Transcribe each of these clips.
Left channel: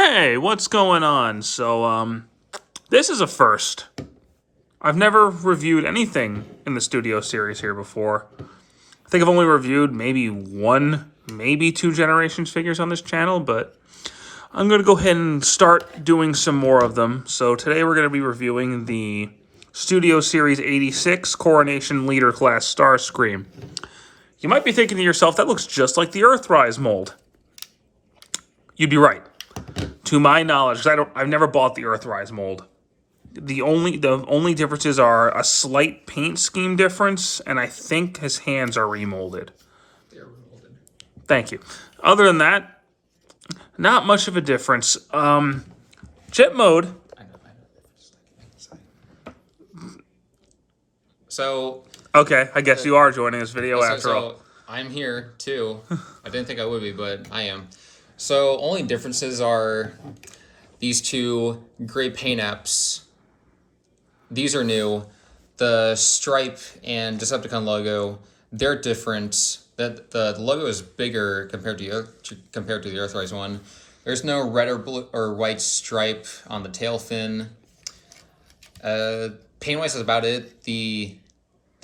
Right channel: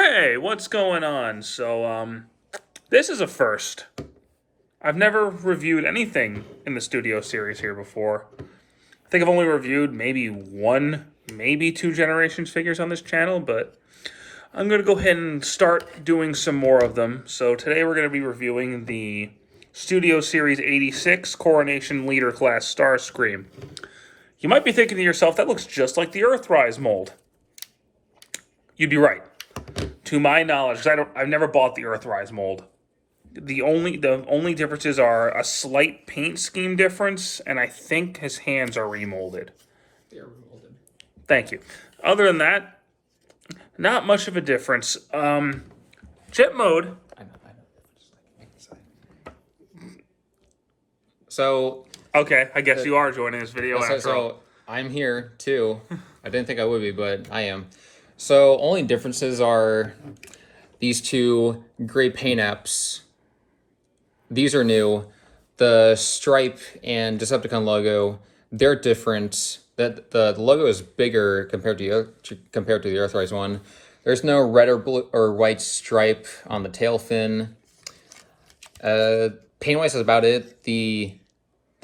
Hey, what's going on? So, this is a first. I've never reviewed anything in the studio series here before. I think I've only reviewed maybe one, maybe two Generations figures on this channel, but I'm going to go ahead and start doing some more of them. So today we're going to be reviewing the Studio Series 86 Coronation Leader Class Starscream. You might be thinking to yourself, that looks just like the Earthrise mold. You'd be right. To my knowledge, because I've never bought the Earthrise mold. The only differences are a slight paint scheme difference, and I think his hands are remolded. They're remolded. Thank you. Other than that, not much of a difference. Chip mode. So Okay, I guess you are joining this video after all. I'm here too. I didn't think I would be, but I am. So only differences are these two gray paint apps. These are new. The Stripe and Decepticon logo, they're different. That the logo is bigger compared to the Earthrise one. There's no red or blue or white stripe on the tail fin. Paint-wise is about it. The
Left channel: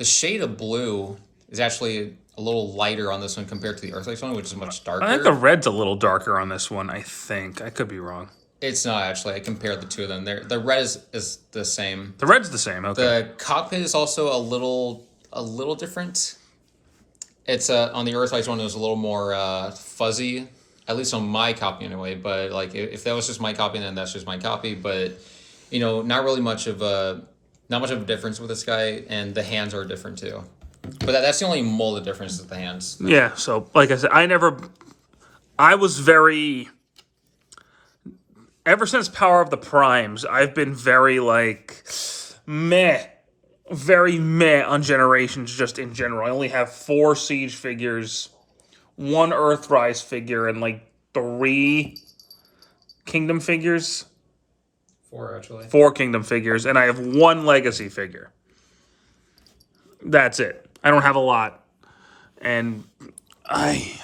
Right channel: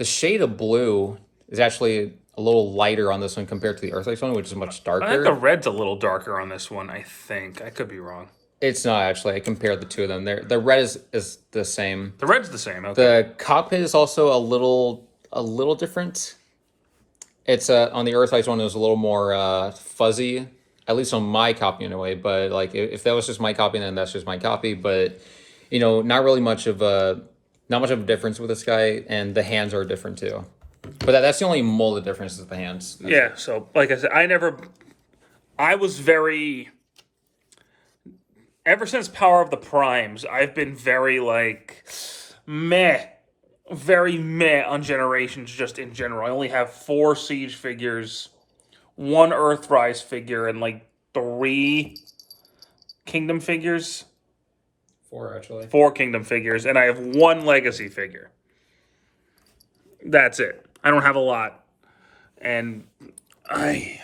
shade of blue is actually a little lighter on this one compared to the Earthrise one, which is much darker. I think the red's a little darker on this one, I think. I could be wrong. It's not actually. I compared the two of them. The red is the same. The red's the same, okay. The cockpit is also a little different. It's on the Earthrise one, it was a little more fuzzy, at least on my copy anyway. But like, if that was just my copy, then that's just my copy. But you know, not much of a difference with this guy, and the hands are different too. But that's the only molded difference is the hands. Yeah, so like I said, I was very, ever since Power of the Primes, I've been very like, very meh on Generations just in general. I only have 4 Siege figures, 1 Earthrise figure, and like 3 Kingdom figures. 4 actually. 4 Kingdom figures, and I have 1 Legacy figure. That's it. I don't have a lot. And I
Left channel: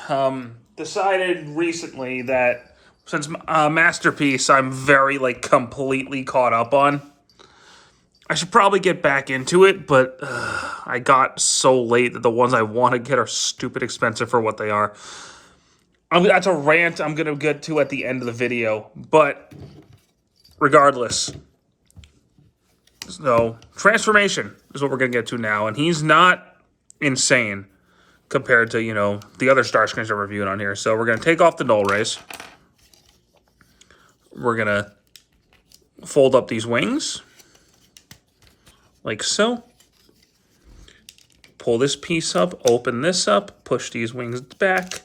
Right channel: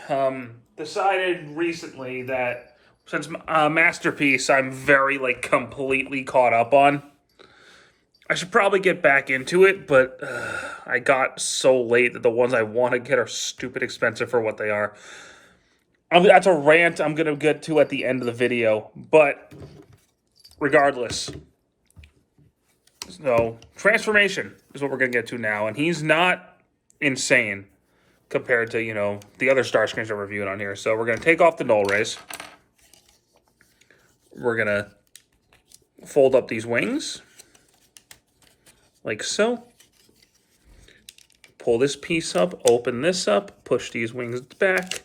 decided recently that since Masterpiece I'm very like completely caught up on, I should probably get back into it, but I got so late that the ones I want to get are stupid expensive for what they are. That's a rant I'm going to get to at the end of the video, but regardless. So, Transformation is what we're going to get to now, and he's not insane compared to, you know, the other Starscreams I'm reviewing on here. So, we're going to take off the null rays. We're going to fold up these wings, like so. Pull this piece up, open this up, push these wings back,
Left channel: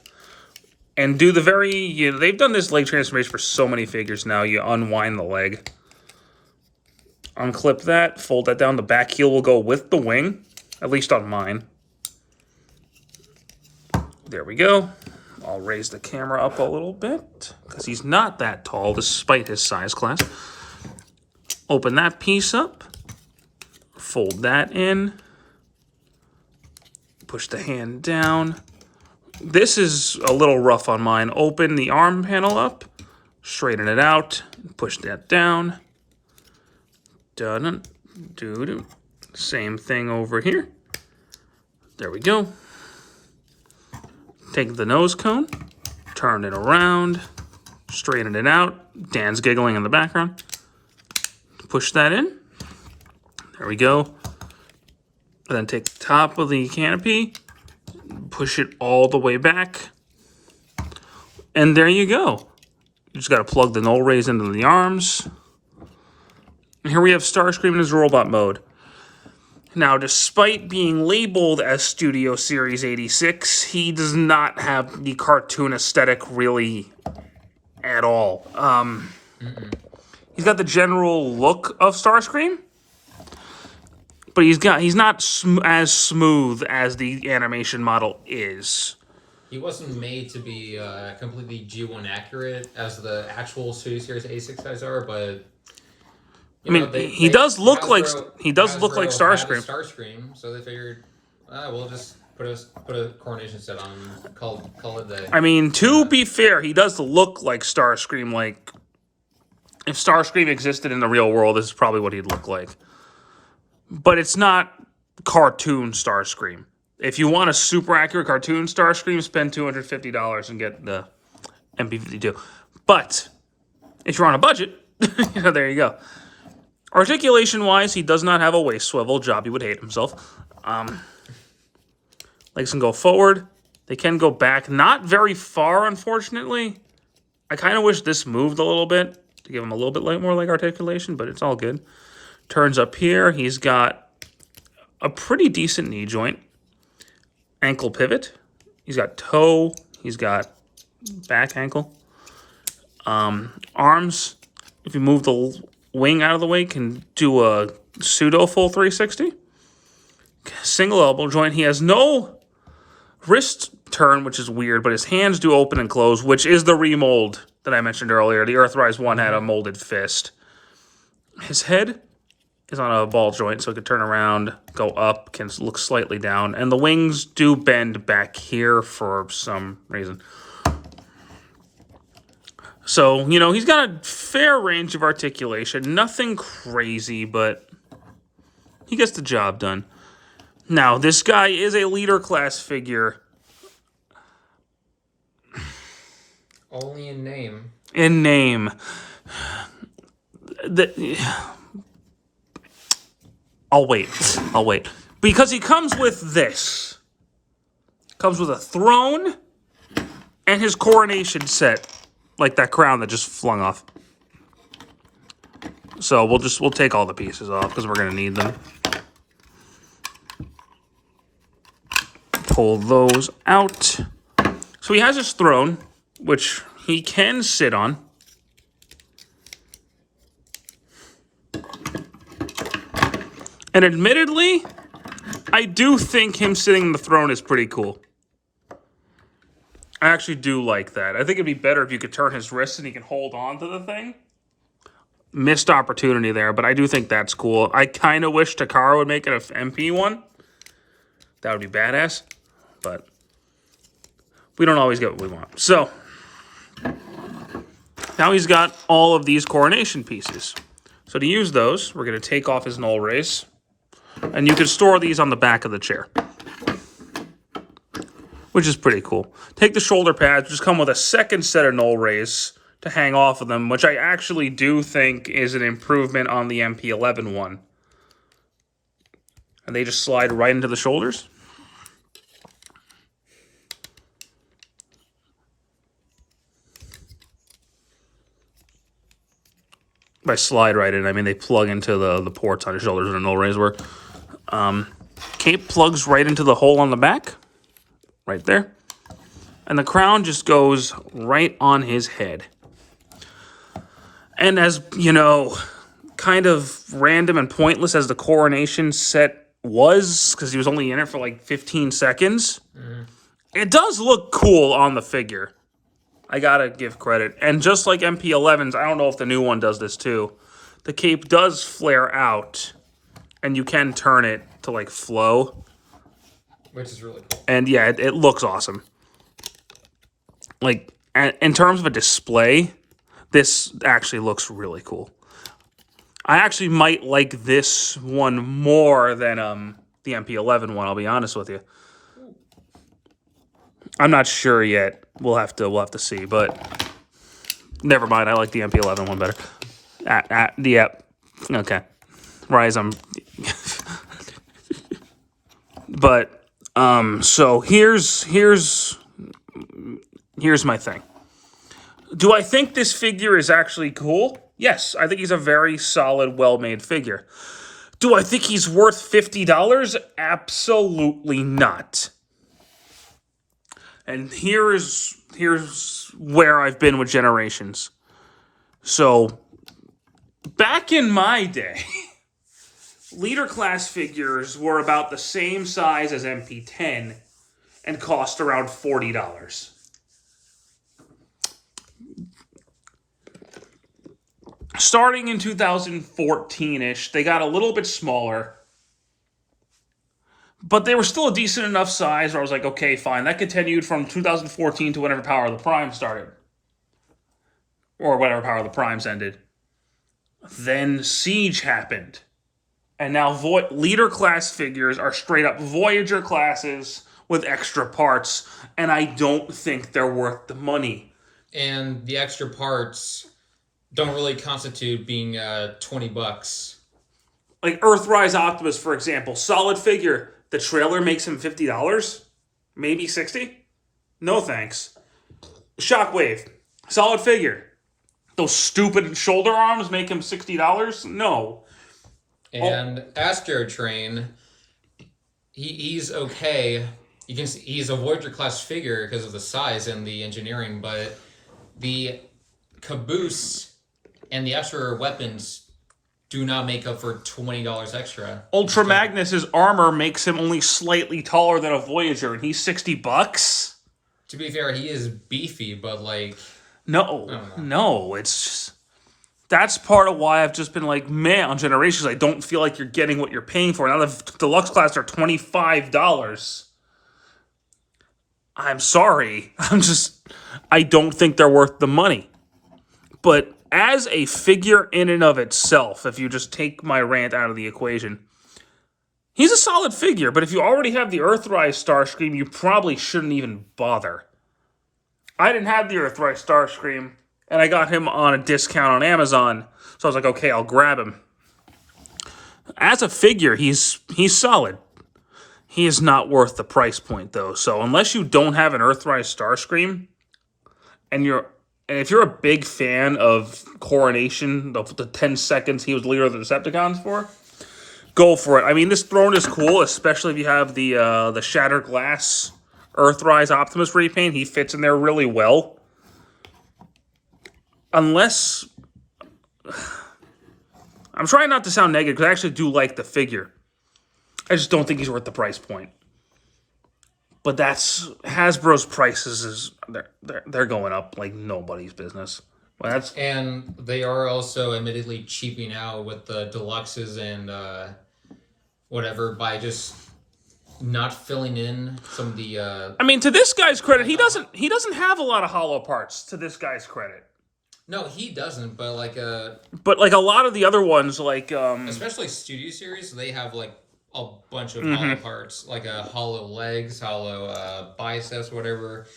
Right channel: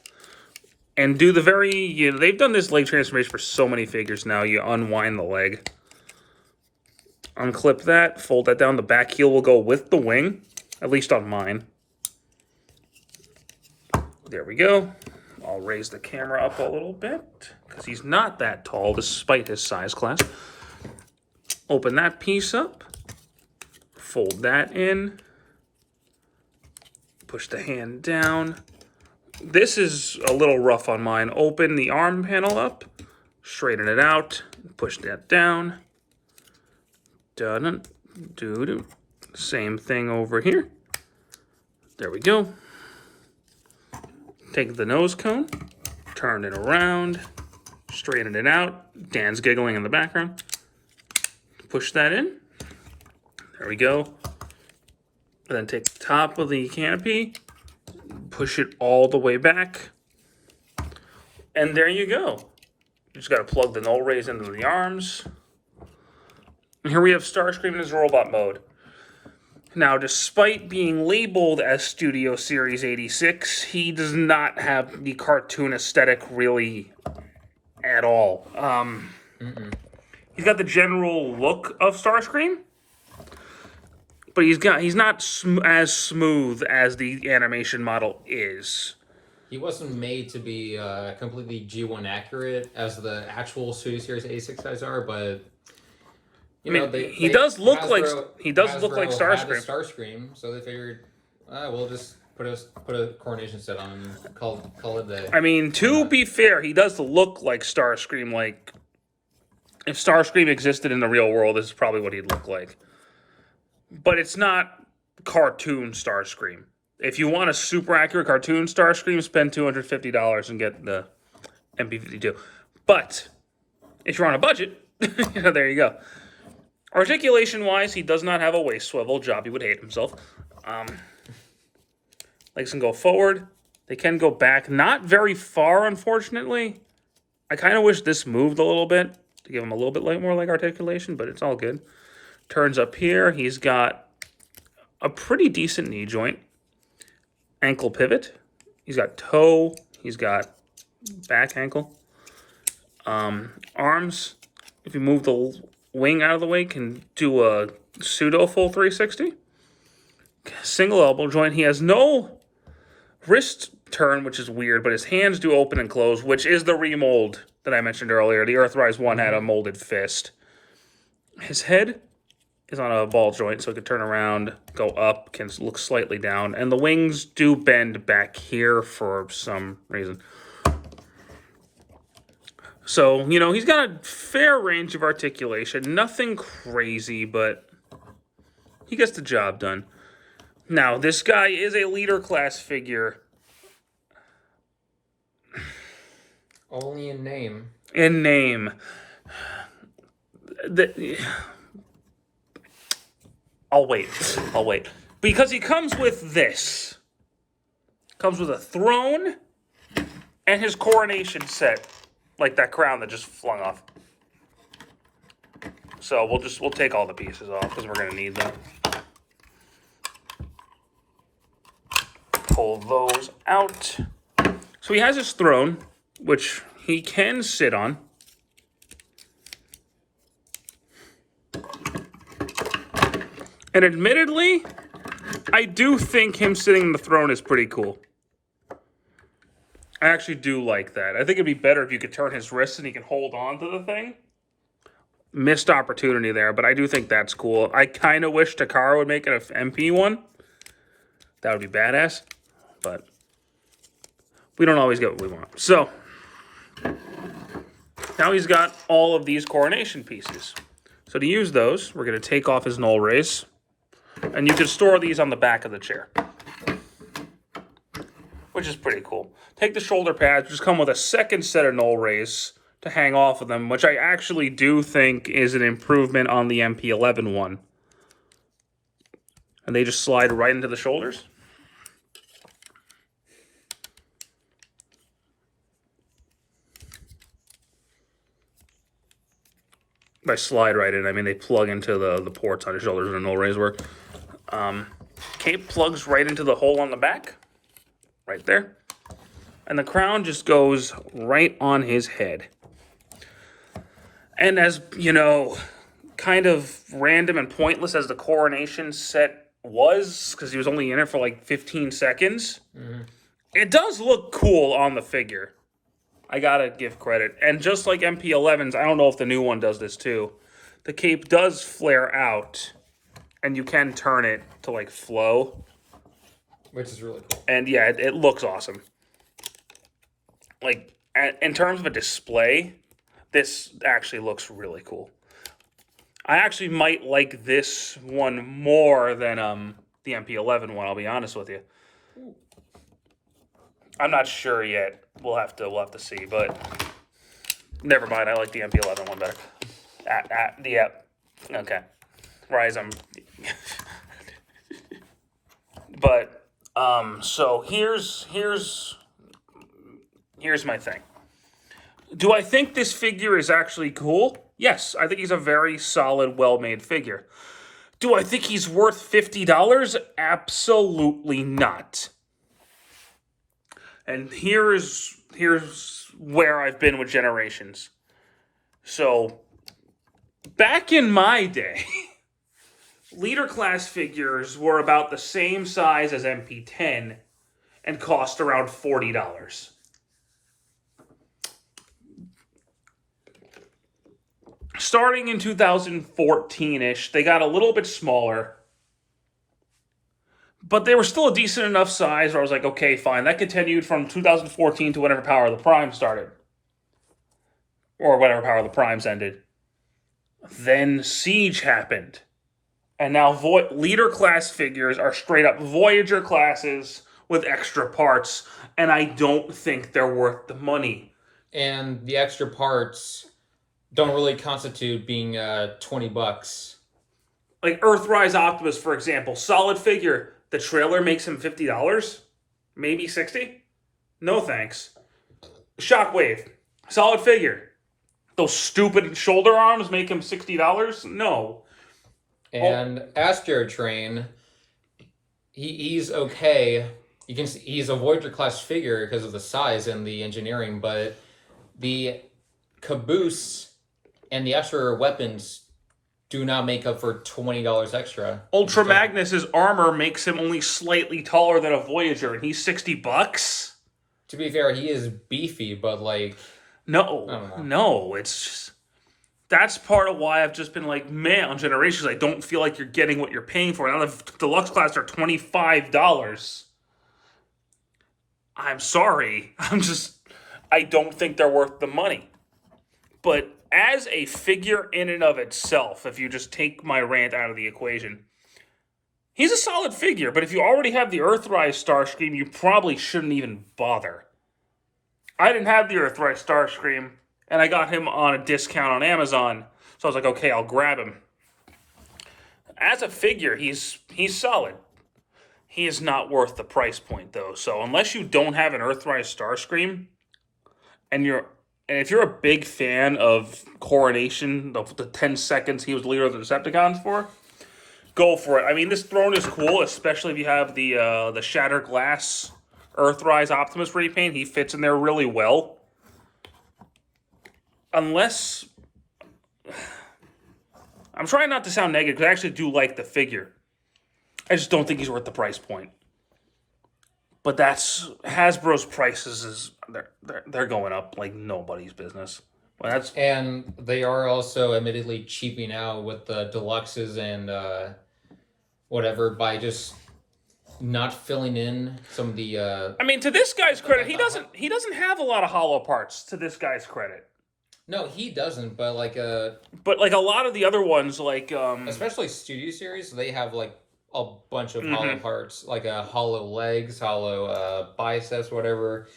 and do the very, you know, they've done this leg transformation for so many figures now. You unwind the leg. Unclip that, fold that down. The back heel will go with the wing, at least on mine. There we go. I'll raise the camera up a little bit because he's not that tall despite his size class. Open that piece up. Fold that in. Push the hand down. This is a little rough on mine. Open the arm panel up. Straighten it out. Push that down. Dun, doo, doo. Same thing over here. There we go. Take the nose cone, turn it around, straighten it out. Dan's giggling in the background. Push that in. There we go. And then take the top of the canopy, push it all the way back. And there you go. You just got to plug the null rays into the arms. And here we have Starscream in his robot mode. Now, despite being labeled as Studio Series 86, he does not have the cartoon aesthetic really at all. He's got the general look of Starscream, but he's not as smooth as the animation model is. He wasn't made to be completely G1 accurate as the actual Studio Series 86 guys are, but he does look like Starscream. Starscream, so they figured, we'll just put a Coronation set on and call it day. I mean, to be fair, he does look like Starscream, like If Starscream existed in the real world, this is probably what he'd look like. But it's not cartoon Starscream. If you want a super accurate cartoon Starscream, spend $250 and get the MP52. But if you're on a budget, there you go. Articulation-wise, he does not have a waist swivel. Jobby would hate himself. Legs can go forward. They can go back. Not very far, unfortunately. I kind of wish this moved a little bit to give him a little bit more leg articulation, but it's all good. Turns up here. He's got a pretty decent knee joint. Ankle pivot. He's got toe. He's got back ankle. Arms, if you move the wing out of the way, can do a pseudo full 360. Single elbow joint. He has no wrist turn, which is weird, but his hands do open and close, which is the remold that I mentioned earlier. The Earthrise one had a molded fist. His head is on a ball joint, so it can turn around, go up, can look slightly down, and the wings do bend back here for some reason. So, you know, he's got a fair range of articulation. Nothing crazy, but he gets the job done. Now, this guy is a leader class figure. Only in name. In name. I'll wait. Because he comes with this. Comes with a throne and his coronation set. Like that crown that just flung off. So we'll take all the pieces off because we're gonna need them. Pull those out. So he has his throne, which he can sit on. And admittedly, I do think him sitting on the throne is pretty cool. I actually do like that. I think it'd be better if you could turn his wrists and he can hold on to the thing. Missed opportunity there, but I do think that's cool. I kind of wish Takara would make it an MP one. That would be badass. But we don't always get what we want. So, now he's got all of these coronation pieces. So to use those, we're going to take off his null rays. And you can store these on the back of the chair. Which is pretty cool. Take the shoulder pads, just come with a second set of null rays to hang off of them, which I actually do think is an improvement on the MP11 one. And they just slide right into the shoulders. By slide right in, I mean they plug into the ports on your shoulders where the null rays work. Cape plugs right into the hole on the back. Right there. And the crown just goes right on his head. And as, you know, kind of random and pointless as the coronation set was, because he was only in it for like 15 seconds, it does look cool on the figure. I gotta give credit. And just like MP11s, I don't know if the new one does this too, the cape does flare out, and you can turn it to like flow. Which is really cool. And yeah, it looks awesome. Like, in terms of a display, this actually looks really cool. I actually might like this one more than the MP11 one, I'll be honest with you. I'm not sure yet. We'll have to see, but never mind. I like the MP11 one better. Yeah. Okay. Rise, but so here's my thing. Do I think this figure is actually cool? Yes, I think he's a very solid, well-made figure. Do I think he's worth $50? Absolutely not. And here's where I've been with Generations. So, back in my day, leader class figures were about the same size as MP10 and cost around $40. Starting in 2014-ish, they got a little bit smaller. But they were still a decent enough size where I was like, okay, fine. That continued from 2014 to whenever Power of the Prime started. Or whenever Power of the Primes ended. Then Siege happened. And now Leader class figures are straight up Voyager classes with extra parts. And I don't think they're worth the money. And the extra parts don't really constitute being $20. Like Earthrise Optimus, for example. Solid figure. The trailer makes him $50. Maybe $60. No thanks. Shockwave. Solid figure. Those stupid shoulder arms make him $60? No. And Astro Train, he's okay. You can see he's a Voyager class figure because of the size and the engineering, but the caboose and the extra weapons do not make up for $20 extra. Ultra Magnus's armor makes him only slightly taller than a Voyager, and he's $60. To be fair, he is beefy, but like no, it's just, that's part of why I've just been like, man, on Generations, I don't feel like you're getting what you're paying for. Now the deluxe class are $25. I'm sorry. I don't think they're worth the money. But as a figure in and of itself, if you just take my rant out of the equation, he's a solid figure. But if you already have the Earthrise Starscream, you probably shouldn't even bother. I didn't have the Earthrise Starscream, and I got him on a discount on Amazon. So I was like, okay, I'll grab him. As a figure, he's solid. He is not worth the price point, though. So unless you don't have an Earthrise Starscream, and if you're a big fan of Coronation, the 10 seconds he was leader of the Decepticons for, go for it. I mean, this throne is cool, especially if you have the Shattered Glass Earthrise Optimus repaint. He fits in there really well. Unless... I'm trying not to sound negative, because I actually do like the figure. I just don't think he's worth the price point. But that's... Hasbro's prices they're going up like nobody's business. Well, and they are also admittedly cheaping out with the deluxes and whatever by just not filling in some of the. I mean, to this guy's credit, he doesn't have a lot of hollow parts. To this guy's credit. No, he doesn't. But like a lot of the other ones, like especially Studio Series, they have like a bunch of hollow parts, like hollow legs, hollow biceps, whatever.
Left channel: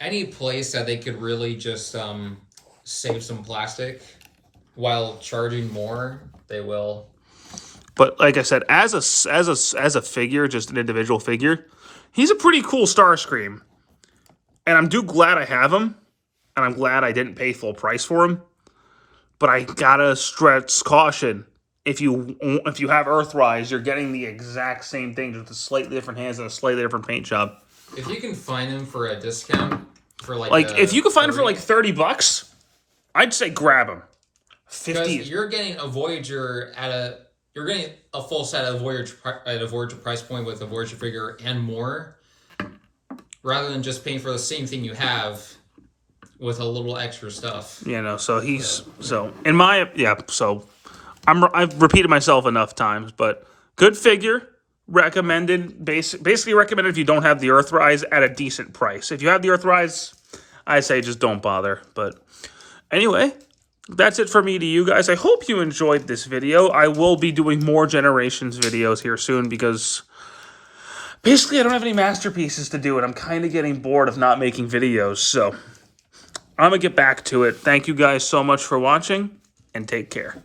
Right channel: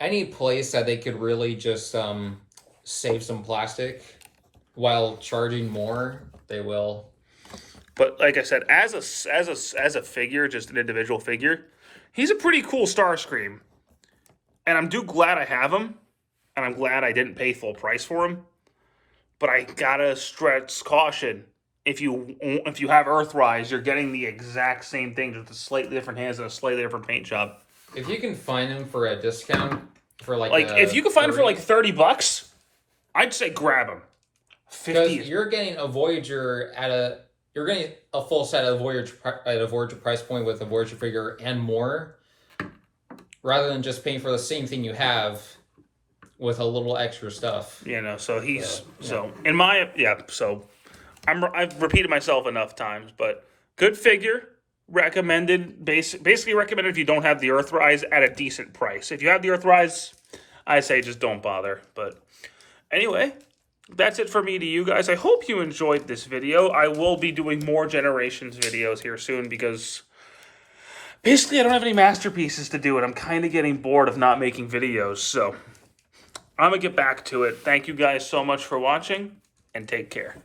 Any place that they could really just save some plastic while charging more, they will. But like I said, as a figure, just an individual figure, he's a pretty cool Starscream, and I'm glad I have him, and I'm glad I didn't pay full price for him. But I gotta stress caution: if you have Earthrise, you're getting the exact same thing, just a slightly different hands and a slightly different paint job. If you can find him for a discount, for if you can find him for like $30, I'd say grab him. 50. You're getting a Voyager you're getting a full set of Voyager at a Voyager price point with a Voyager figure and more, rather than just paying for the same thing you have with a little extra stuff. So I've repeated myself enough times, but good figure, recommended, basically recommended if you don't have the Earthrise at a decent price. If you have the Earthrise, I say just don't bother. But anyway, that's it for me to you guys. I hope you enjoyed this video. I will be doing more Generations videos here soon because basically I don't have any masterpieces to do, and I'm kind of getting bored of not making videos. So I'm going to get back to it. Thank you guys so much for watching, and take care.